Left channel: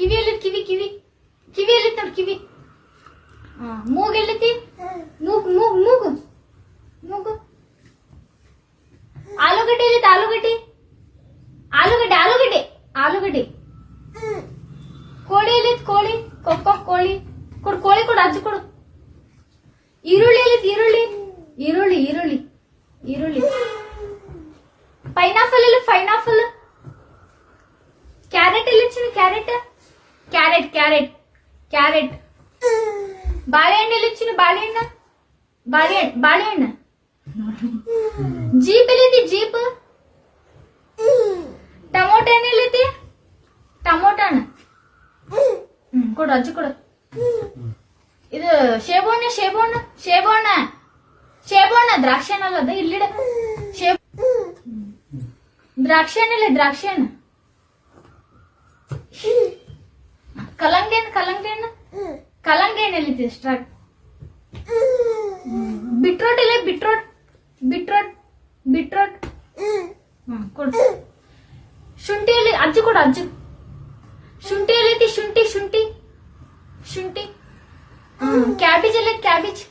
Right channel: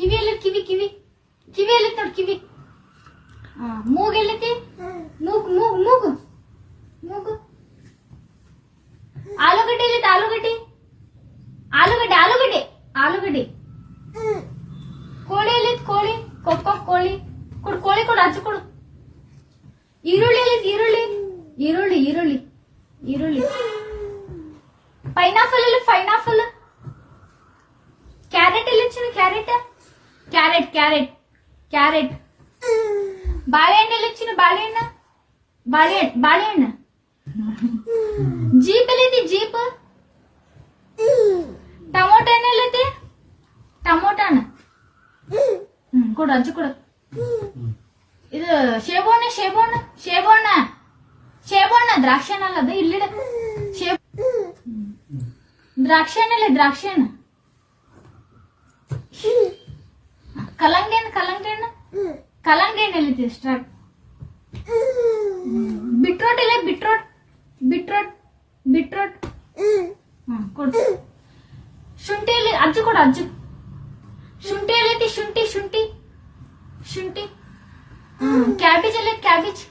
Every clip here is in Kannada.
ಕಿವಿಯಲ್ಲಿ ಕಿವಿಯಲ್ಲಿ ನೋಡಿ ಕಿವಿ. ಮೂಗೆಲ್ಲೈತಿ? ಮೂಗು. ಆಲೂಗಡ್ಡೆ ಎಲ್ಲಿತ್ತು? ಆಲೂಗಡ್ಡೆ. ಕೋಳಿ ಎಲ್ಲಿತ್ತು? ಕೋಳಿ. ಕೋಳಿ ಕೊಡು, ಅಜ್ಜಿ ಕೊಡು. ಈರುಳ್ಳಿ ಎಲ್ಲಿತ್ತು? ಈರುಳ್ಳಿ. ಪೈನಾಪಲ್ ಎಲ್ಲಿ? ಕ್ಯಾರೆಟ್ ಎಲ್ಲಿತ್ತು? ಕ್ಯಾರೆಟ್. ಬಾಳೆಹಣ್ಣು ಎಲ್ಲಿತ್ತು? ಬಾಳೆಹಣ್ಣು. ಜೀಪ್ ಎಲ್ಲಿದೆ? ಜೀಪ್. ಟೊಮೊಟೊ ಎಲ್ಲಿದೆ? ಟೊಮೊಟೊ ಹಣ್ಣು. ಕೊಡು, ಅಜ್ಜಿ ಕೊಡು. ಇದು ಶೇಬಣ್ಣ ದ್ರಾಕ್ಷಿ ಹಣ್ಣಲ್ಲ ಅದು. ಇಲ್ಲಿಡ ದ್ರಾಕ್ಷಿ ಹಣ್ಣು. ಕಲ್ಲಂಗಡಿ ಹಣ್ಣು ಎಲ್ಲಿದೆ? ಸ್ಟ್ರಾಟ್. ಬಿಟ್ರೋಟ್ ಇಲ್ಲ? ಬಿಟ್ರೋಟ್. ಕೊಡು. ಶುಂಠಿ ಎಲ್ಲಿ? ಅಜ್ಜಿ ಕೊಡು, ಅಜ್ಜಿ. ಶುಂಠಿ ಎಲ್ಲೈತಿ? ಶುಂಠಿ. ಕ್ಯಾಬೇಜ್ ಎಲ್ಲ? ಕ್ಯಾಬೇಜ್.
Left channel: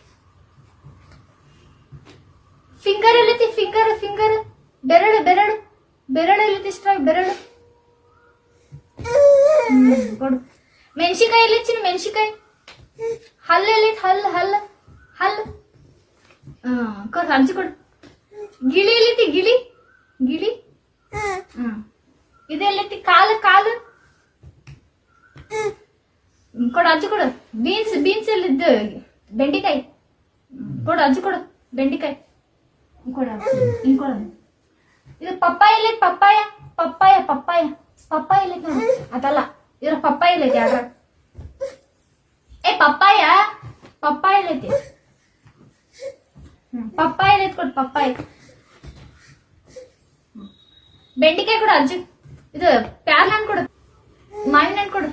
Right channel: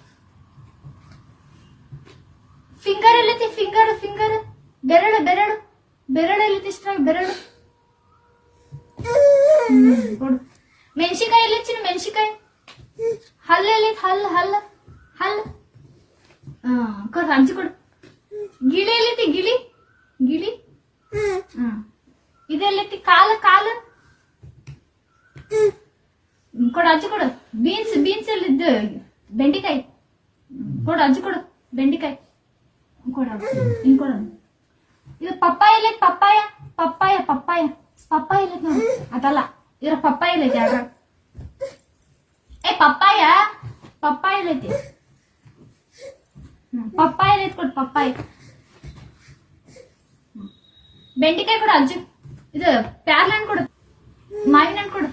ಫಿಂಗರ್ ಎಲ್ಲೈತಿ? ಫಿಂಗರ್. ಬೆರಳು ಎಲ್ಲೈತಿ? ಸ್ಟ್ರಾಟ್. ಬೆರಳು. ಕೊಡು. ಮೆಣಸಿಕಾಯಿ ಎಲ್ಲಿಚ್ಚಿ? ಮೆಣಸಿಕಾಯಿ. ಹಲ್ಲು ಎಲ್ಲೈತಿ? ಹಲ್ಲು. ಕೊಡು, ಅಜ್ಜಿ ಕೊಡು. ಗಿಳಿ ಎಲ್ಲೈತಿ? ಗಿಳಿ. ಇದೆಲ್ಲೈತಿ? ಕಾಲು. ಕೊಡು, ಅಜ್ಜಿ ಕೊಡು. ಬೀನ್ಸ್ ಎಲ್ಲಿದ್ದು? ಬೆಂಡಿಕಾಯಿ. ಕೊಡು, ಅಜ್ಜಿ ಕೊಡು. ಬೆಂಡಿಕಾಯಿ ಕೊಡು. ಇದು ಪಪ್ಪಾಯ ಎಲ್ಲೈತಿ? ಪಪ್ಪಾಯ ಎಲ್ಲೈತಿ ನೋಡಿ. ಅದಲ್ಲ, ಇದ್ರ ಪಪ್ಪಾಯ ಎಲ್ಲೈತಿ? ಯಾರ ಪಪ್ಪಾಯ ಎಲ್ಲೈತಿ? ಪಪ್ಪಾಯ ಎಲ್ಲೈತಿ? ಕೊಡು, ಪಪ್ಪಾಯ. ಬೆಂಡಿಕಾಯಿ ಕೊಡು, ಅಜ್ಜಿ. ಇದು ಪ್ಯಾರ್ಲ ಹಣ್ಣು ಕೊಡು. ಮಾವಿನ ಹಣ್ಣು ಕೊಡು.